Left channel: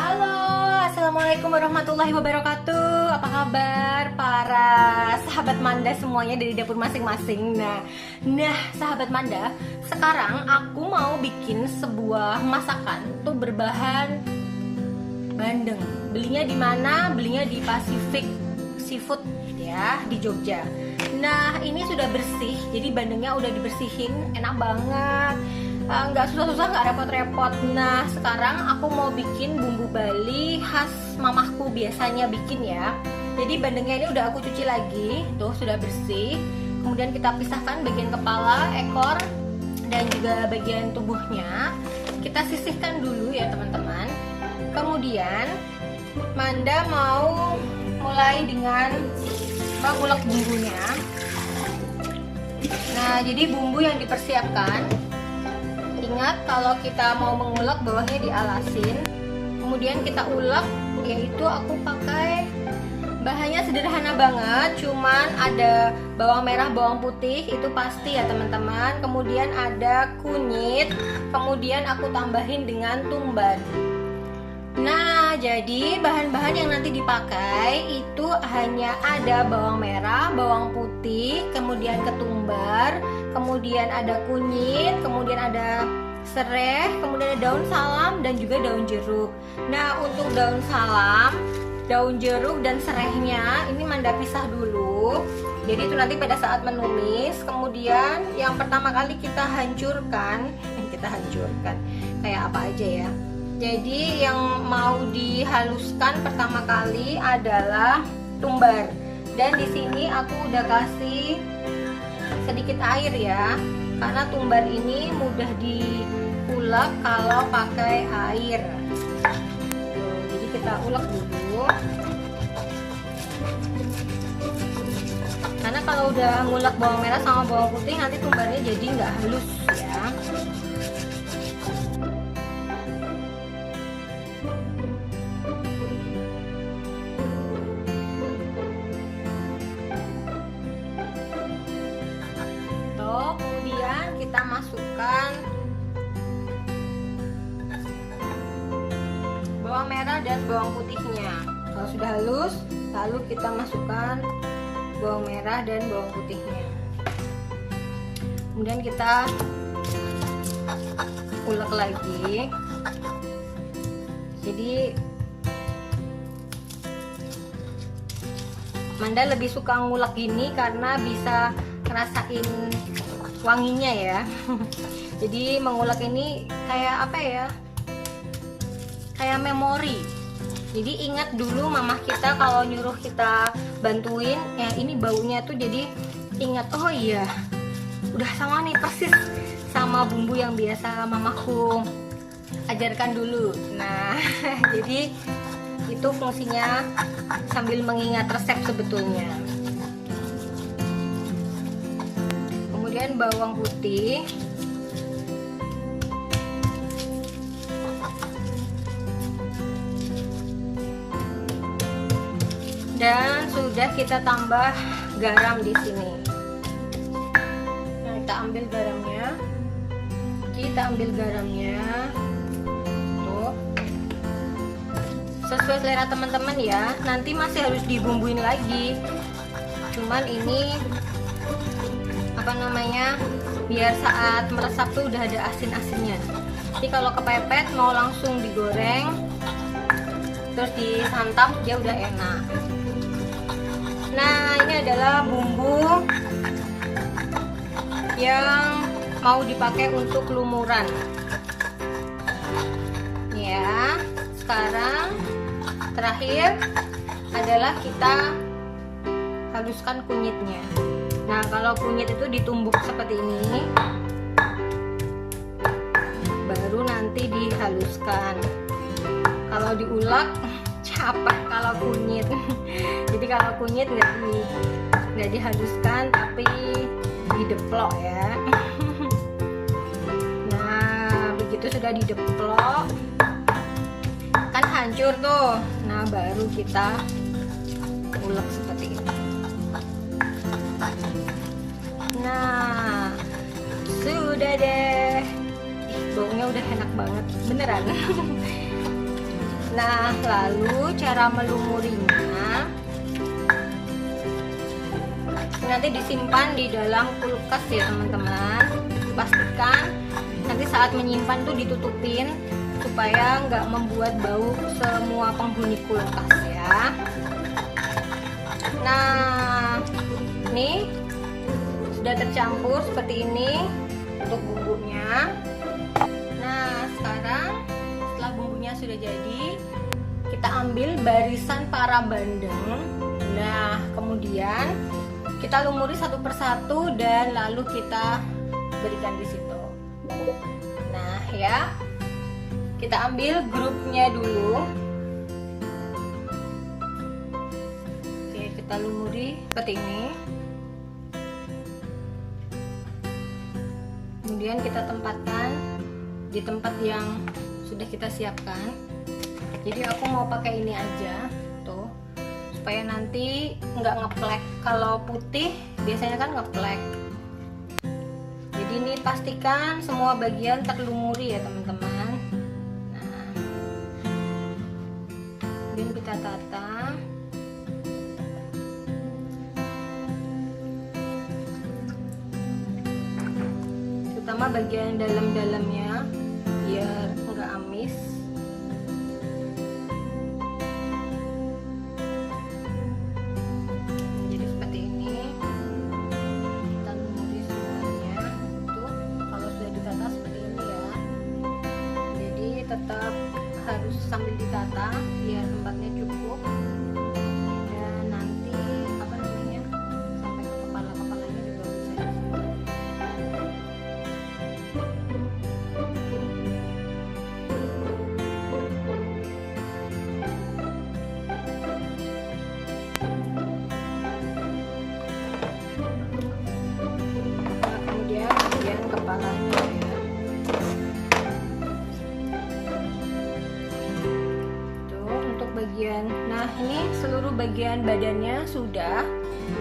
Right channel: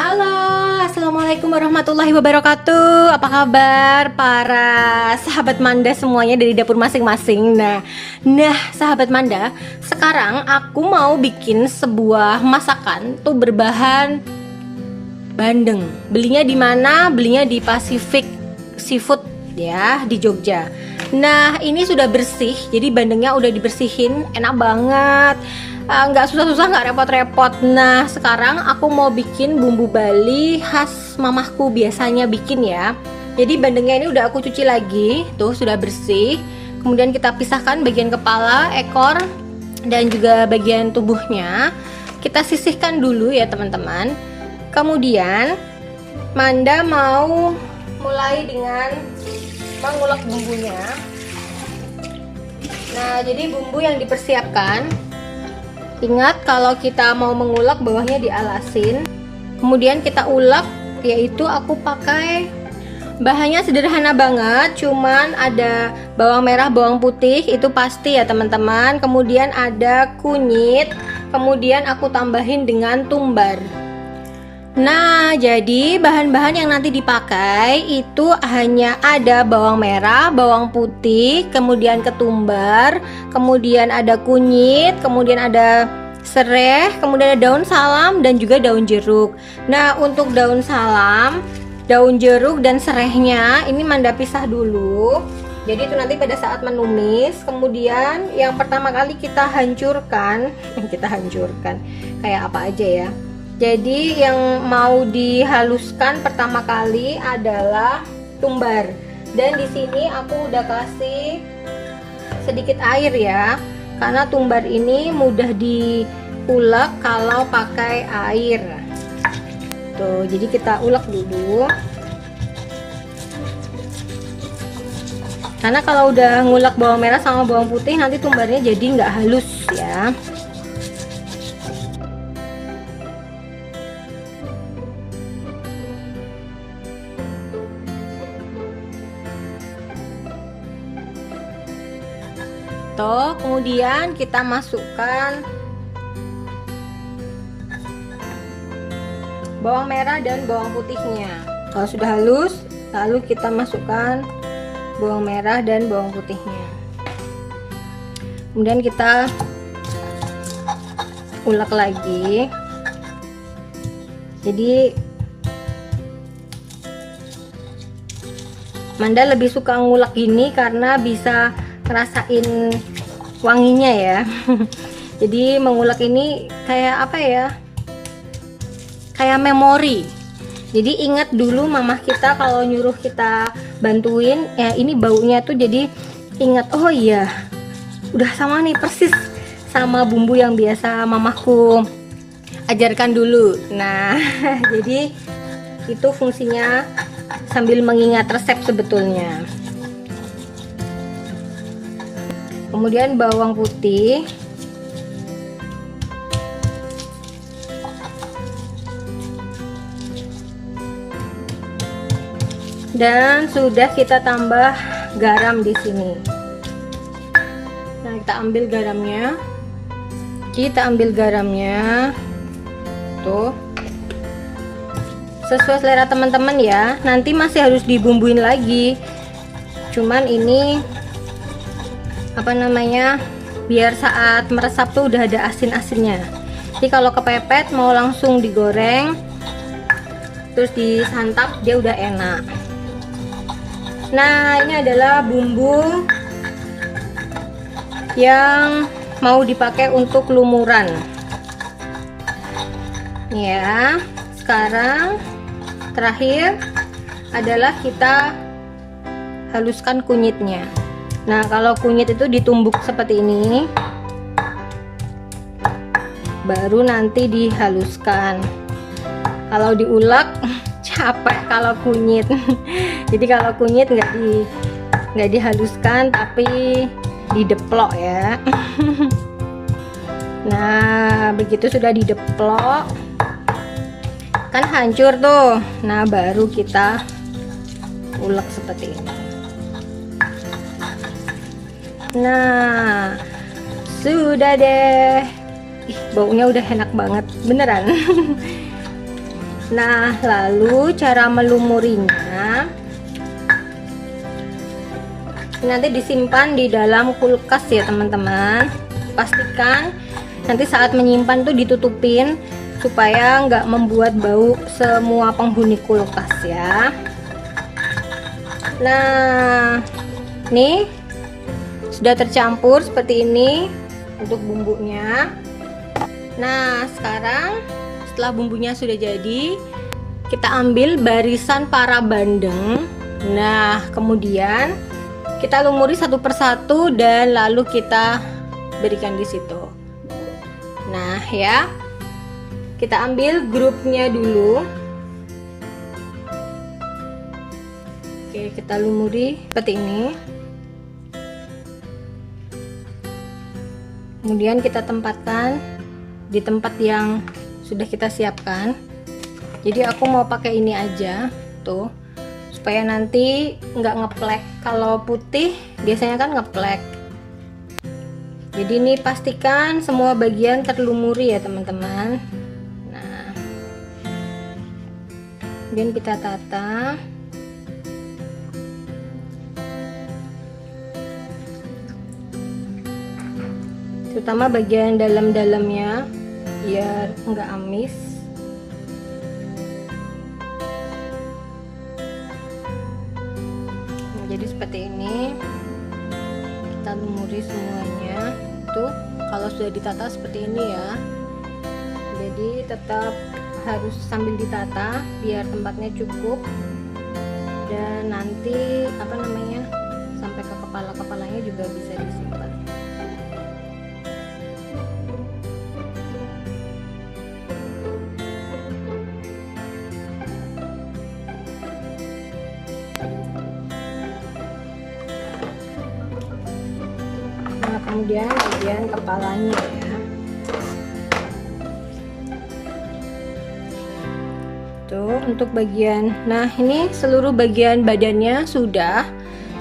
Halo, assalamualaikum warahmatullahi wabarakatuh. Apa kabar para sahabat Manda semuanya dari dapur masing-masing? Nah, sahabat Manda, sekarang aku mau bikin sebuah masakan tuh berbahan bandeng. Belinya di mana? Belinya di Pacific Seafood ya, di Jogja. Nah, ini sudah bersih, jadi bandengnya udah dibersihin, enak banget. Nggak susah-susah, nggak repot-repot. Nah, sekarang aku mau bikin bumbu Bali khas mamahku biasanya bikin ya. Jadi bandengnya ini udah aku cuci lagi, tuh sudah bersih. Kemudian kita pisahkan bagian kepala, ekor, dan juga bagian tubuhnya. Kita sisihkan dulu ya teman-teman. Kemudian Manda mau mulai dengan mengulek bumbunya. Nah, jadi bumbu yang dipersiapkan, ingat kalau kita mau mengulek bawahnya dialasin. Kemudian kita ulek, yaitu aku pakai bahannya sederhana banget, cuman ada bawang merah, bawang putih, itu pasti ya teman-teman. Kemudian ada kunyit, kemudian aku tambahin dengan tumbar. Nah, jadi bahan-bahan yang nanti dipakai itu hanya ada bawang merah, bawang putih, kemudian ketumbar, kemudian ada kunyit, kemudian ada serai, kemudian ada daun salam dan juga daun jeruk. Nah, untuk daun salam, daun jeruk dan serainya ini Manda pisah dulu. Jadi itu nanti pada saat menumis. Kemudian yang pertama kali kita hancurkan kayak apa aja ya. Jadi yang mau dihaluskan pertama kali adalah tumbar. Dan di sini aku udah kasih sedikit air ya. Karena tumbar ini mudah diulek kalau pakai air. Tuh, jadi kita ulek dulu. Karena kalau udah ngulek bawang merah sama bawang putih nanti tumbarnya jadi nggak halus ya. Kemudian kita masukkan bawang merah dan bawang putihnya. Kalau sudah halus, lalu kita masukkan bawang merah dan bawang putihnya. Kemudian kita ulek lagi. Jadi Manda lebih suka ngulek ini karena bisa ngerasain wanginya ya. Jadi mengulek ini kayak apa ya, kayak memori. Jadi ingat dulu mamah kita kalau nyuruh kita bantuin ya, ini baunya tuh jadi ingat, oh iya udah sama nih persis sama bumbu yang biasa mamahku ajarkan dulu. Nah jadi itu fungsinya sambil mengingat resep sebetulnya. Kemudian bawang putih, dan sudah kita tambah garam di sini. Nah, kita ambil garamnya, tuh sesuai selera teman-teman ya. Nanti masih harus dibumbuin lagi, cuman ini apa namanya, biar saat meresap tuh udah ada asin-asinnya. Jadi kalau kepepet mau langsung digoreng terus disantap dia udah enak. Nah, ini adalah bumbu yang mau dipakai untuk lumuran ya. Sekarang terakhir adalah kita haluskan kunyitnya. Nah, kalau kunyit itu ditumbuk seperti ini, baru nanti dihaluskan. Kalau diulek capek kalau kunyit. Jadi kalau kunyit nggak dihaluskan tapi dideplok ya. Nah, begitu sudah dideplok kan hancur tuh. Nah, baru kita ulek seperti ini. Nah, sudah deh. Baunya udah enak banget, beneran. Nah, lalu cara melumurinya nanti disimpan di dalam kulkas ya teman-teman. Pastikan nanti saat menyimpan tuh ditutupin supaya nggak membuat bau semua penghuni kulkas ya. Nah, nih sudah tercampur seperti ini untuk bumbunya. Nah, sekarang setelah bumbunya sudah jadi, kita ambil barisan para bandeng. Nah, kemudian kita lumuri satu persatu dan lalu kita berikan di situ. Nah, ya. Kita ambil grupnya dulu. Oke, kita lumuri seperti ini. Kemudian kita tempatkan di tempat yang sudah kita siapkan. Jadi aku mau pakai ini aja tuh, supaya nanti nggak ngeplek. Kalau putih biasanya kan ngeplek. Jadi ini pastikan semua bagian terlumuri ya teman-teman. Nah, kemudian kita tata. Terutama bagian dalam-dalamnya biar nggak amis. Jadi seperti ini kita lumuri semuanya. Tuh kalau sudah ditata seperti ini ya, jadi tetap harus sambil ditata biar tempatnya cukup, dan nanti apa namanya sampai ke kepala-kepalanya juga bisa disimpan. Kemudian bagian kepalanya ya, tuh untuk bagian. Nah, ini seluruh bagian badannya sudah.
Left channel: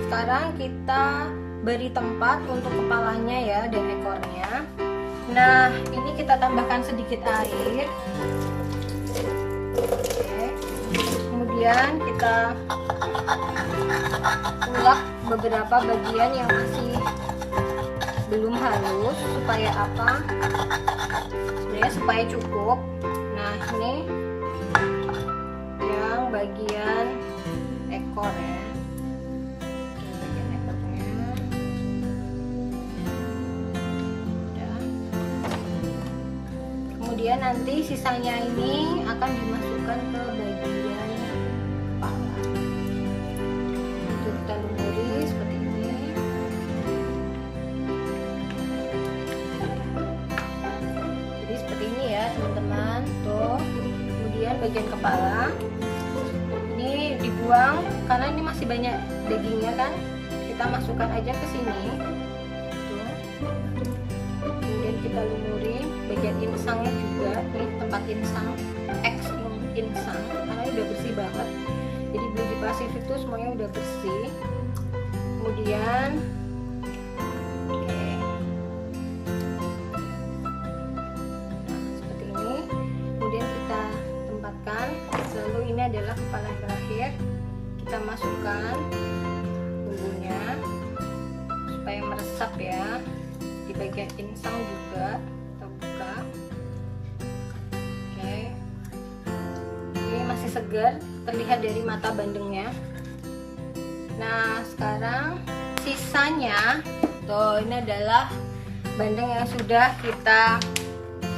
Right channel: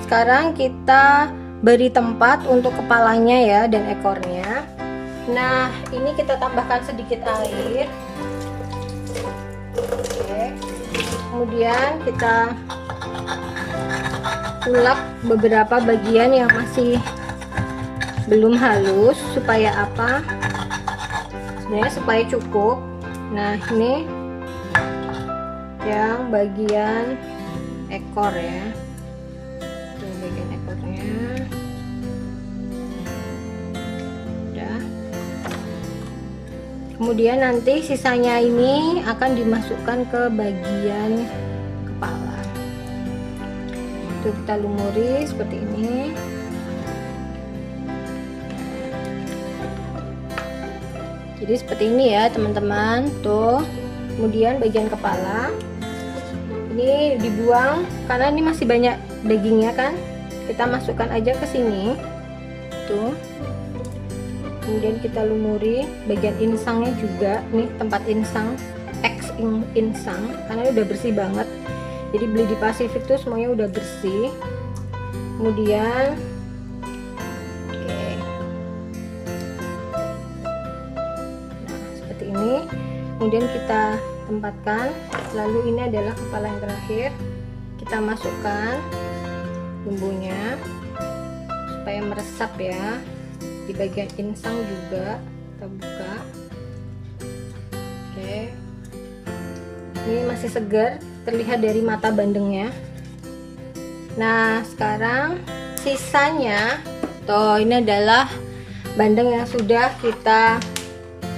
Sekarang kita beri tempat untuk kepalanya ya dan ekornya. Nah, ini kita tambahkan sedikit air. Oke. Kemudian kita ulek beberapa bagian yang masih belum halus. Supaya apa? Sebenarnya supaya cukup. Nah, ini yang bagian ekor ya. Ini bagian ekornya. Udah. Kemudian nanti sisanya ini akan dimasukkan ke bagian kepala. Itu kita lumuri seperti ini. Jadi seperti ini ya teman-teman tuh. Kemudian bagian kepala ini dibuang karena ini masih banyak dagingnya kan, kita masukkan aja ke sini tuh. Kemudian kita lumuri bagian insangnya juga, nih tempat insang, insang karena udah bersih banget. Jadi beli di Pasifik tuh semuanya udah bersih. Kemudian kemudian kita tempatkan. Lalu ini adalah kepala yang terakhir, kita masukkan bumbunya supaya meresap ya. Di bagian insang juga kita buka. Oke, ini masih segar, terlihat dari mata bandengnya. Nah, sekarang sisanya tuh, ini adalah bandeng yang sudah kita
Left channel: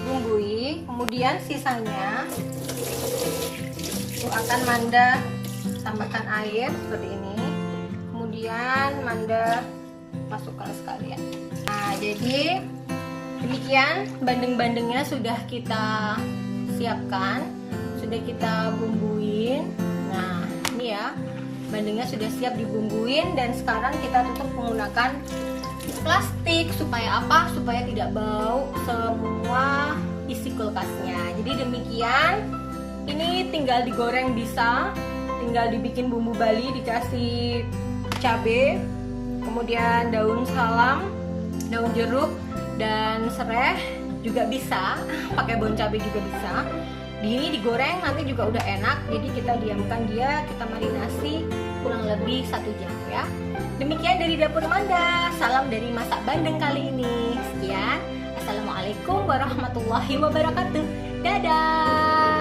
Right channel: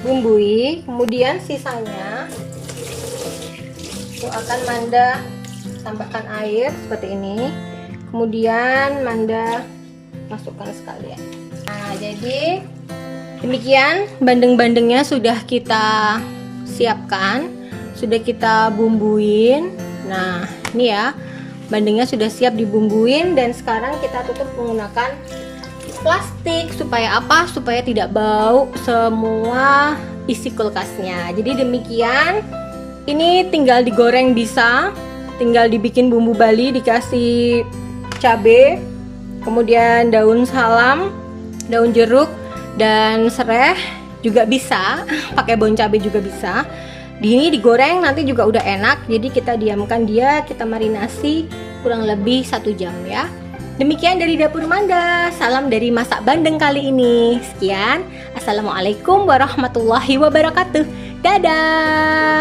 bumbui. Kemudian sisanya itu akan Manda tambahkan air seperti ini. Kemudian Manda masukkan sekalian. Nah, jadi demikian bandeng-bandengnya sudah kita siapkan, sudah kita bumbuin. Nah, ini ya bandengnya sudah siap dibumbuin, dan sekarang kita tutup menggunakan plastik. Supaya apa? Supaya tidak bau semua isi kulkasnya. Jadi demikian. Ini tinggal digoreng bisa, tinggal dibikin bumbu Bali, dikasih cabai, kemudian daun salam, daun jeruk, dan serai juga bisa. Pakai daun cabai juga bisa. Ini digoreng nanti juga udah enak. Jadi kita diamkan dia, kita marinasi kurang lebih 1 jam ya. Demikian dari Dapur Manda. Salam dari Masak Bandeng kali ini. Sekian. Assalamualaikum warahmatullahi wabarakatuh. Dadah.